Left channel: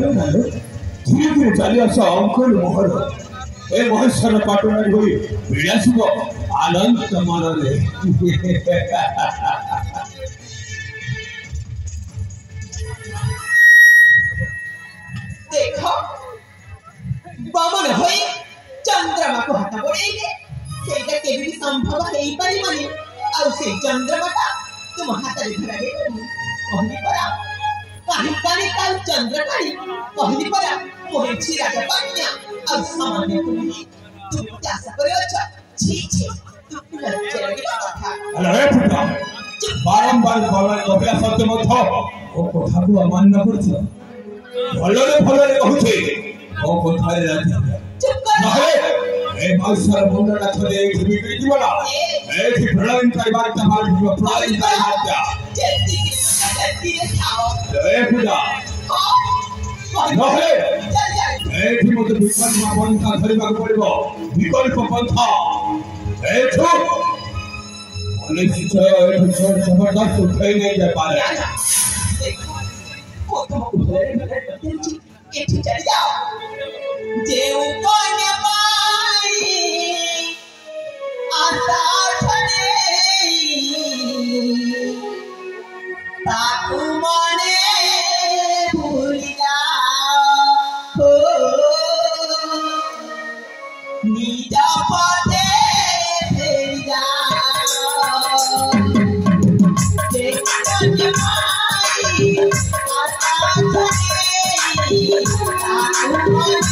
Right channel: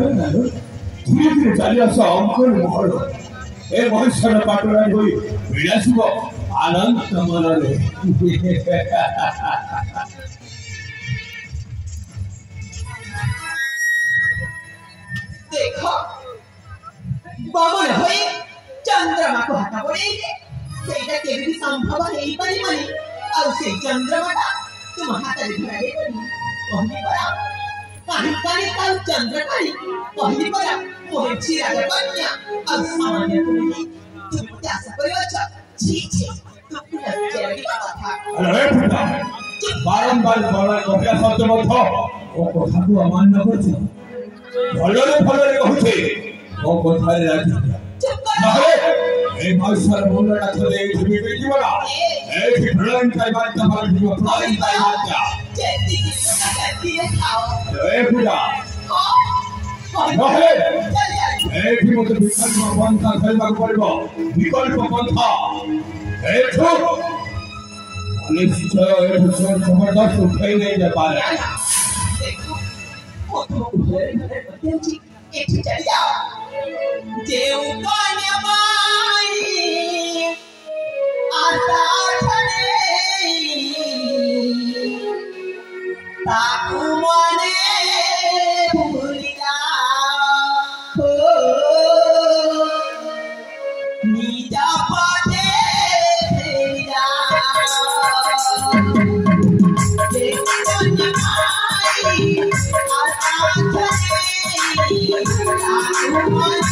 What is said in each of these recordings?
धीरे धीरे चली आस अंकुर महल ए महेश्वर पाटना हुई विलासुब आनंद मन देख बमन होई चंद्रमा को हाथ बड़े सेटा केबे भी संभव हेई परिबनी आ से चंद्रमा तुम हाथ रे धरा दे कहनी परा काहे काहे काल चंद्र काहे कहनी परा मोहे छिरा के पानिया आ सामान्य तुम क्या करे अच्छा छी छी तुम लज्जा की कथा अरे फुटा बारंबार बोला कथा सत्य मत ओ कथा को अमान्य करछ भलरे भलरे कहूछे ओ कथा रे राजी नहे ए महेश्वर मुंडा थले बिगड़ी जीवना ए कि प्रलयन काय बात तमार जीव प्रलयन काय बात जल्दी खाओ ए पूजा नहे ए कि मते विकल्प पंथा धरिबा पड़िबो विकल्प पंथा ए छु अनिश्चय ए जबरदस्त उठाई नहीं जा पारे देखो वो तुम भले भले बच्ची एक चली जाओ देव कोने पाई आता ठने ताकू मने भूलिया हो नीजा पटे फेरिया देव कोने पाई आता ठने ताकू मने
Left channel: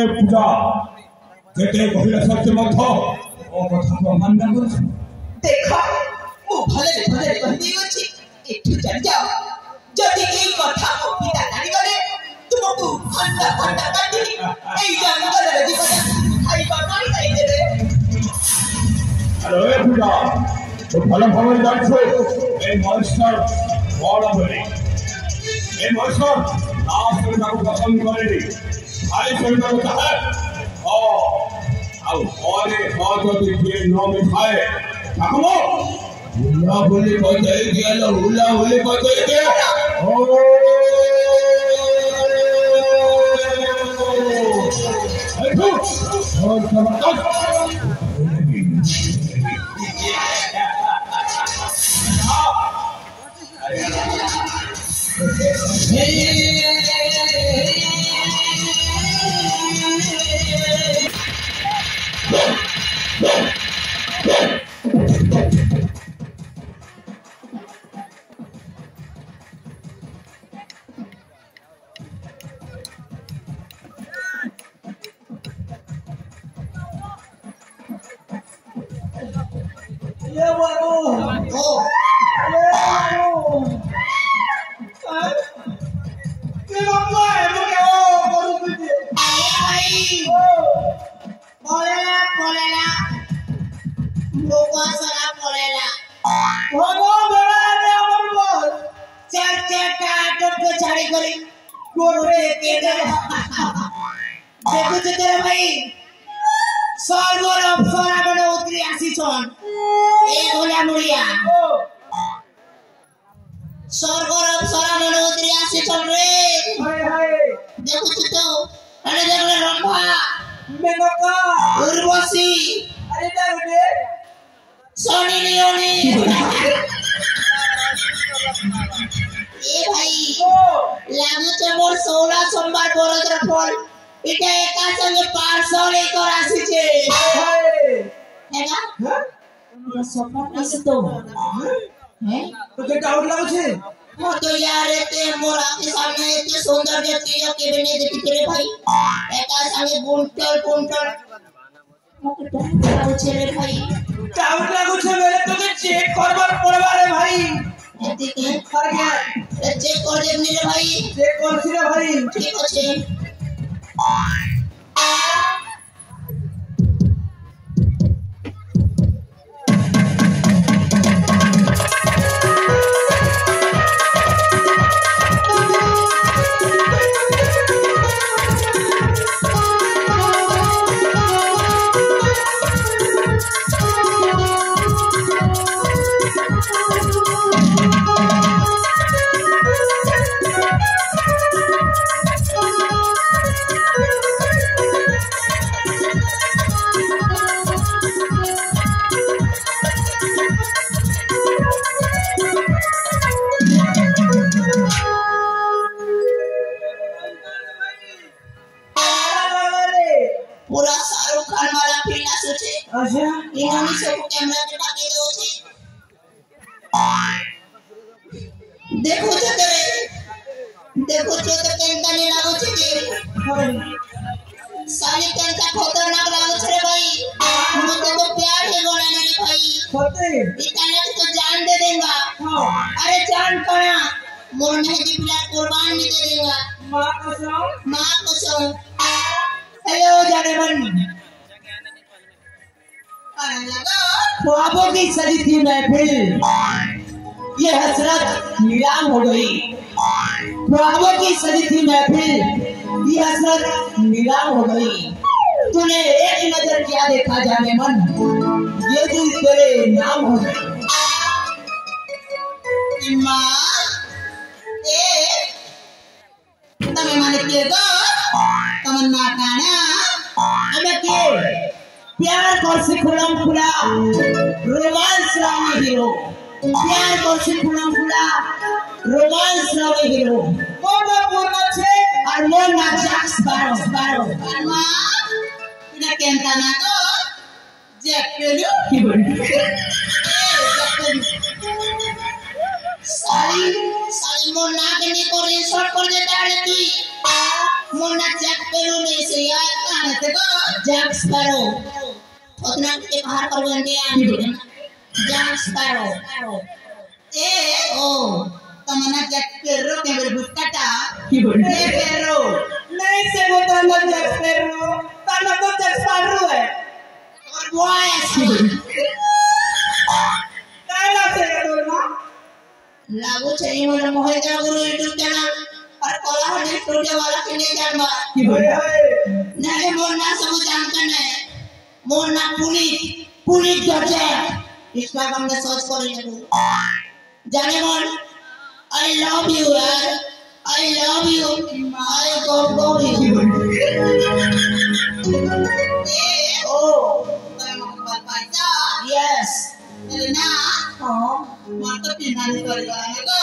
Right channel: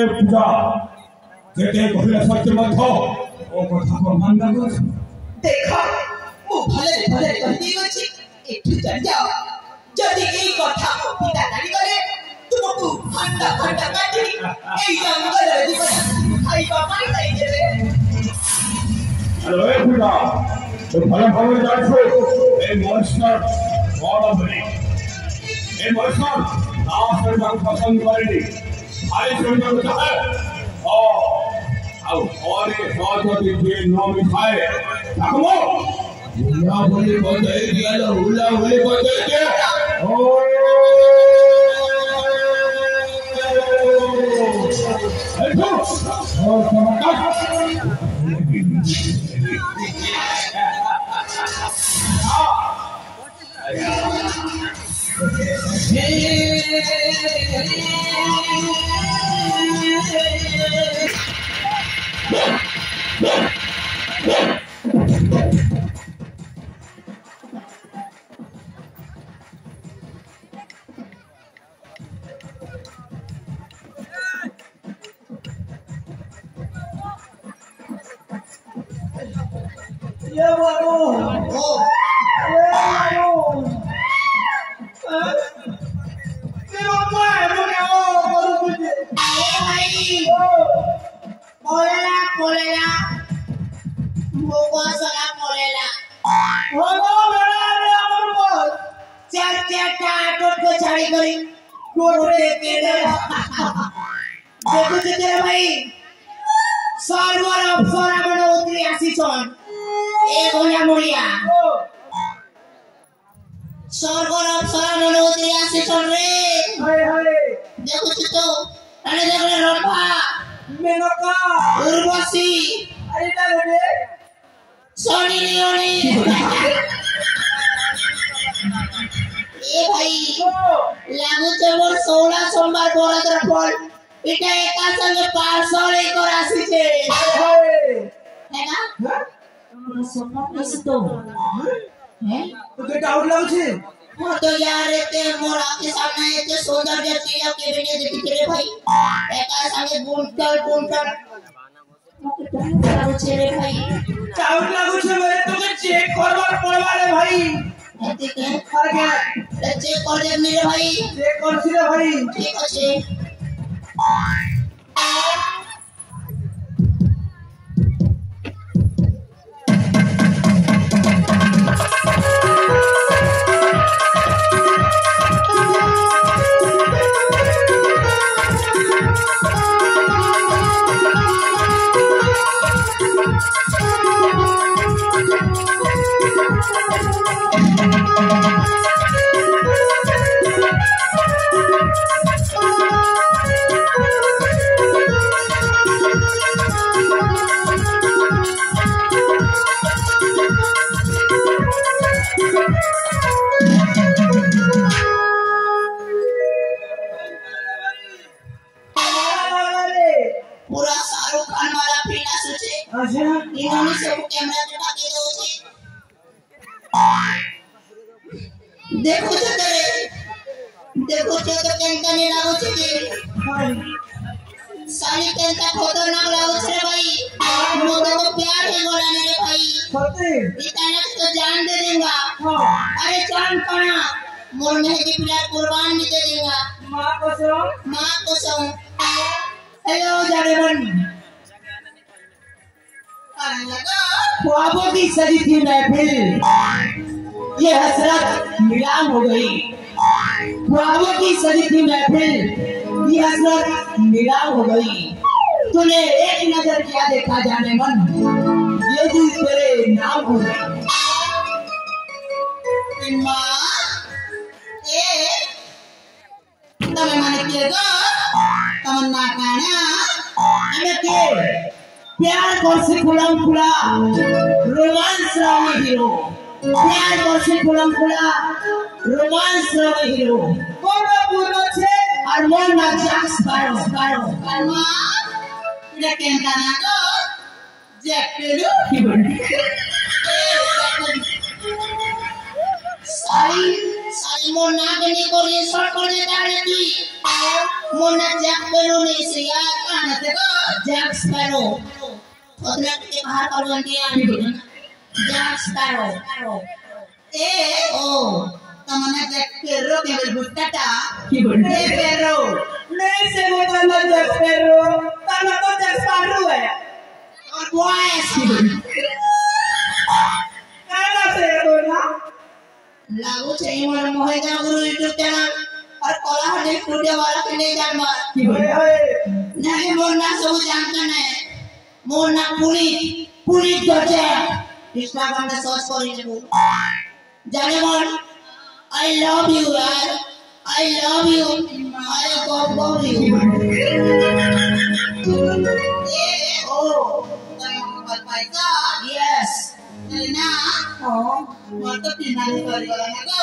ए पूजा जेते कहिला सत्य मत ओ कथा को मान कर देखो मु भले भले कहदी अछि एठु चल जाओ जदि एई कथा को पिता जानि गले तुमको खंडा खंडा काटी एई जंगल रे जीवन खाइबा पानी दई देबे अरे पूजा तो भले भले जाछो ए मास्टर बड़ा बड़ी ए मास्टर नाम से को पसंद करेनी आई से को चाहे ओ आओ ओरे हो जे नाम खाए ताकमो उला बोले को दे दिया लो उला बोले को दे दे ओ देखो और समझ ख्वाबों की सजी थी महफिल ये हसरत नीलाम हो गई। ख्वाबों की सजी थी महफिल ये हसरत नीलाम हो गई। तूने एक नजर क्या देखा जाने मन ये दिल तेरे नाम हो गई। माँ तमें माने के दो तमन्ना काना हमें के प्यार करसी खुलम खुला रोमांस रावी हीरो प्यार करसी खुलम खुला रोमांस रावी हीरो कोन पूर्ण छे और मोन ना जैक्स बारो बारो कर्मा इने केंता ना को जैक पेलु की बोली साई साई मोन ना के नी को रिसोर्ट कर देता है की मोना जैक स्पैरो नहीं से यार कहां से को जैक स्पैरो उतना के बाहर कर गंदी आने जैक स्पैरो ए ओ तमना जैक स्पैरो के बेल बुस्काटा की बोल ए स्पैरो नहीं से वो ताना जैक स्पैरो ताना तो जैक स्पैरो है और बॉयस काला से तो ना लागू चाहिए मोर मोहित गुरु YouTube चैनल और कोलाहल स्टूडियो वाला के ले जान मार की होए नहीं मोर ना सब जानता है मोर ना पुनीत गजे इंस्टाग्राम में सर्च करी ने जाने मोर आई लव यू यार I love you I got you ए ओ पैसा यस ना हां मोर तो पिनानी करी गला गो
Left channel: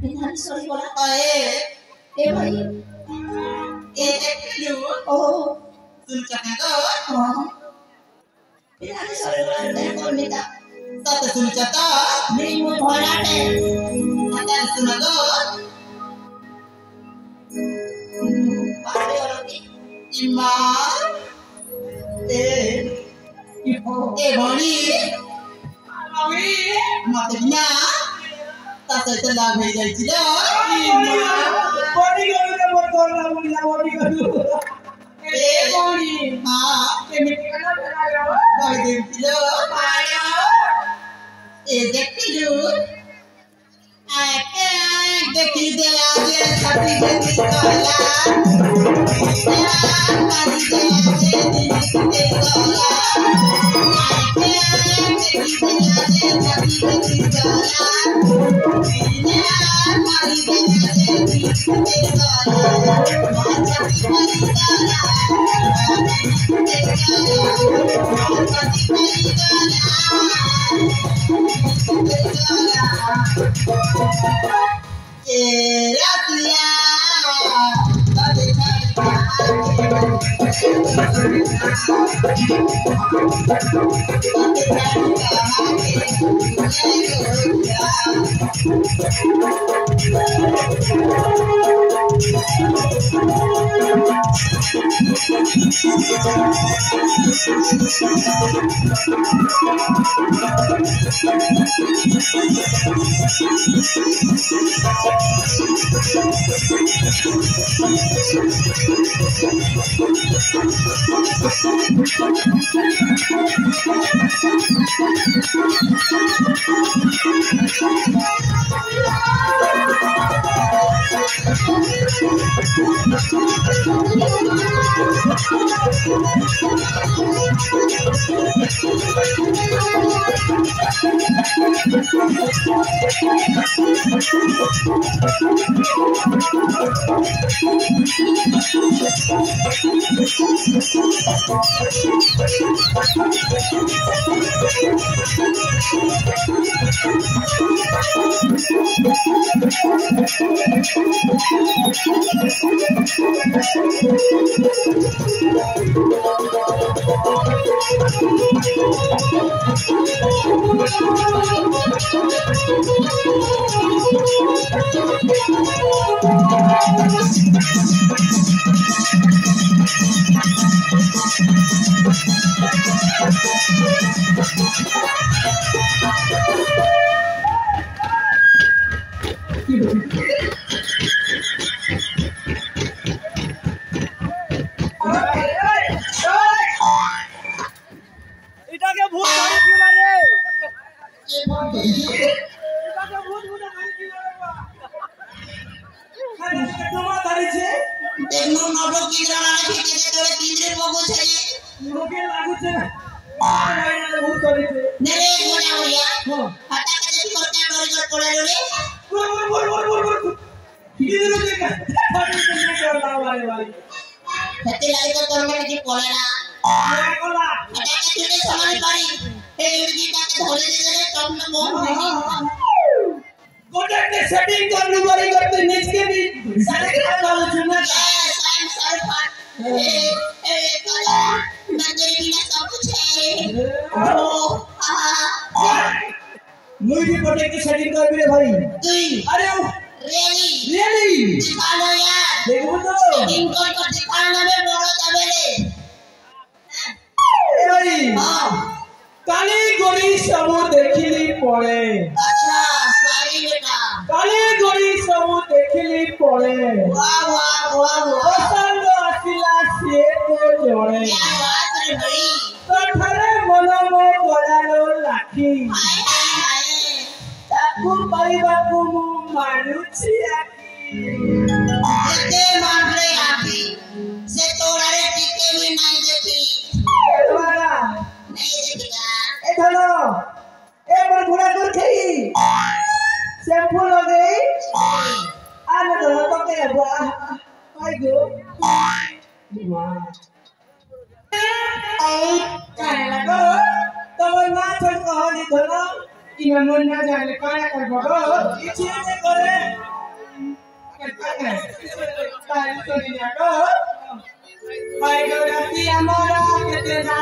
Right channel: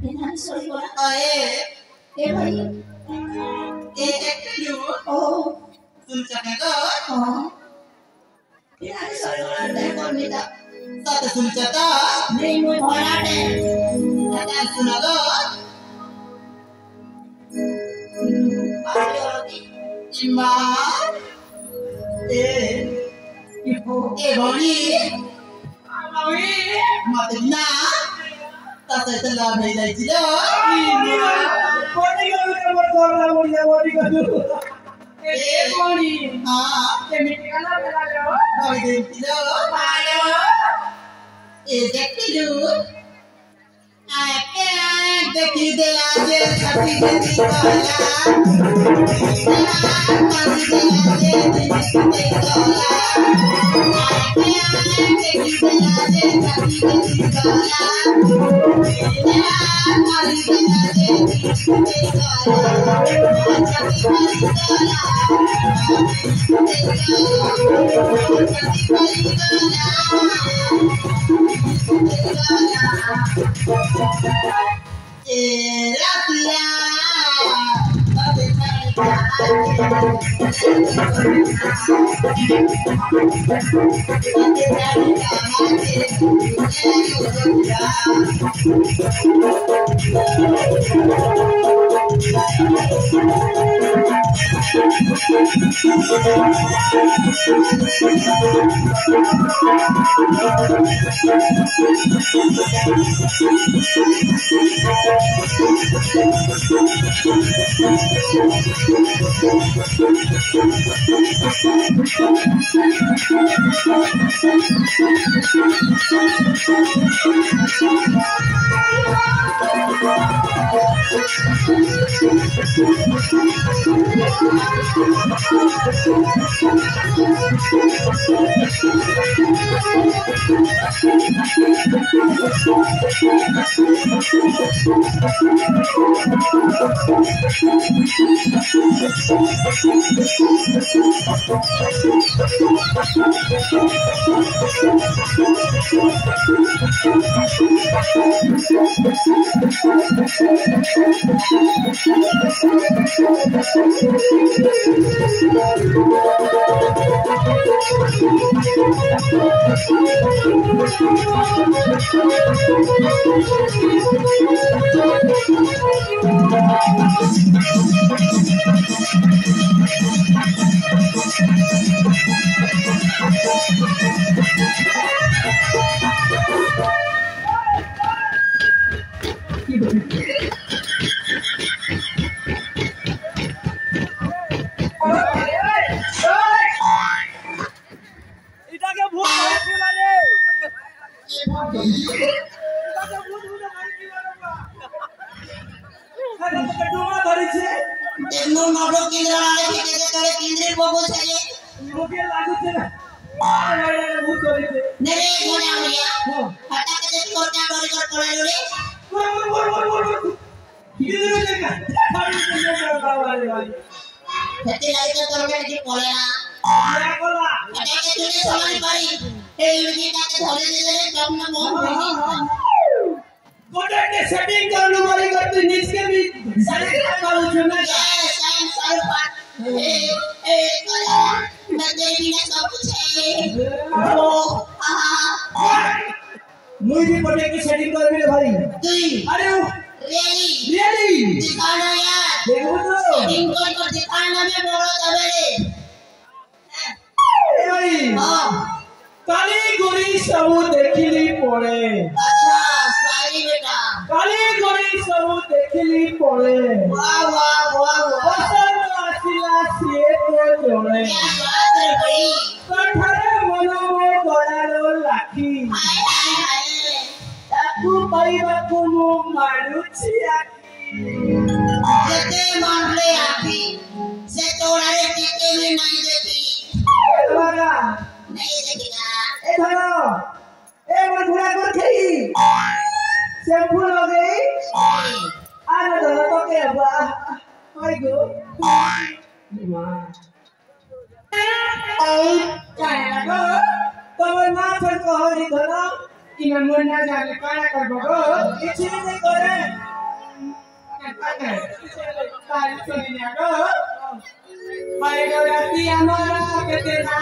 पिनानी सॉरी बोला ए भाई ए एक्चुअली ओ सुन सकते हो हां पिनानी सॉरी बोला नहीं बोल मिटा तो सुन सकता नहीं मुझे भोला है मत सुना गो आगे और इमा ए भोली मत बिना तासे तला भई जाई छिलो बॉडी करू के मत करना बढ़िया बॉडी करू ए बॉडी हां के मिट्टी का ना लगा भाई दे छिलो आयो ए देखिलु आके देखि दे आजे छाती जंदी काला मारी दे आजे दिखते काला आके देखि दे आजे छाती जंदी काला मारी दे आजे दिखते काला छाती मारी काला ए रतिया तबे सेटिंग कर लो बड़ी करते नीच के भी सारे काम वालों चुनना शाम सारे पाठ ए काला मैं तेरे बिना सब कुछ है ओ मुझे पटे की सेटिंग कर मेरे भाई तू अरे रियली दिखाना यार देखबो तो सेटिंग कर दिखाना में बड़ा दबेले ए भाई हां काली गोरी सबू देखिली पड़े अच्छा सॉरी बेटा काली गोरी सबू देखिली पड़े वाह वाह वाह वाह पसंद आसिला से तो जड़े क्या बात रे भाई कठरे मन मो गलालो लाठी हाय हाय हाय ताकू पाइबाकू मु मानुछि आखी जेते मारले आखी से तोड़ारे टिके भी नहीं देखी एलवारा नहीं देखिगा ए धरो ए मोर घुड़ा कर खेई शैम्पू लगे आना धरो तो के बा हाय गो वाह काय लगो तमर ना छोड़ को हो धरो इमे मन ना जाने काया कर बगो इछि नहीं करे काय सुनी ना गो हाय गो राती हमारा केते ना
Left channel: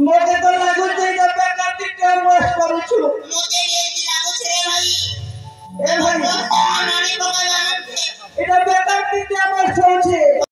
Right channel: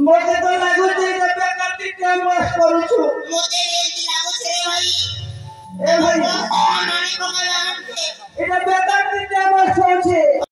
मते तो लागु जे बेकार टाइम वेस्ट करू छु मोते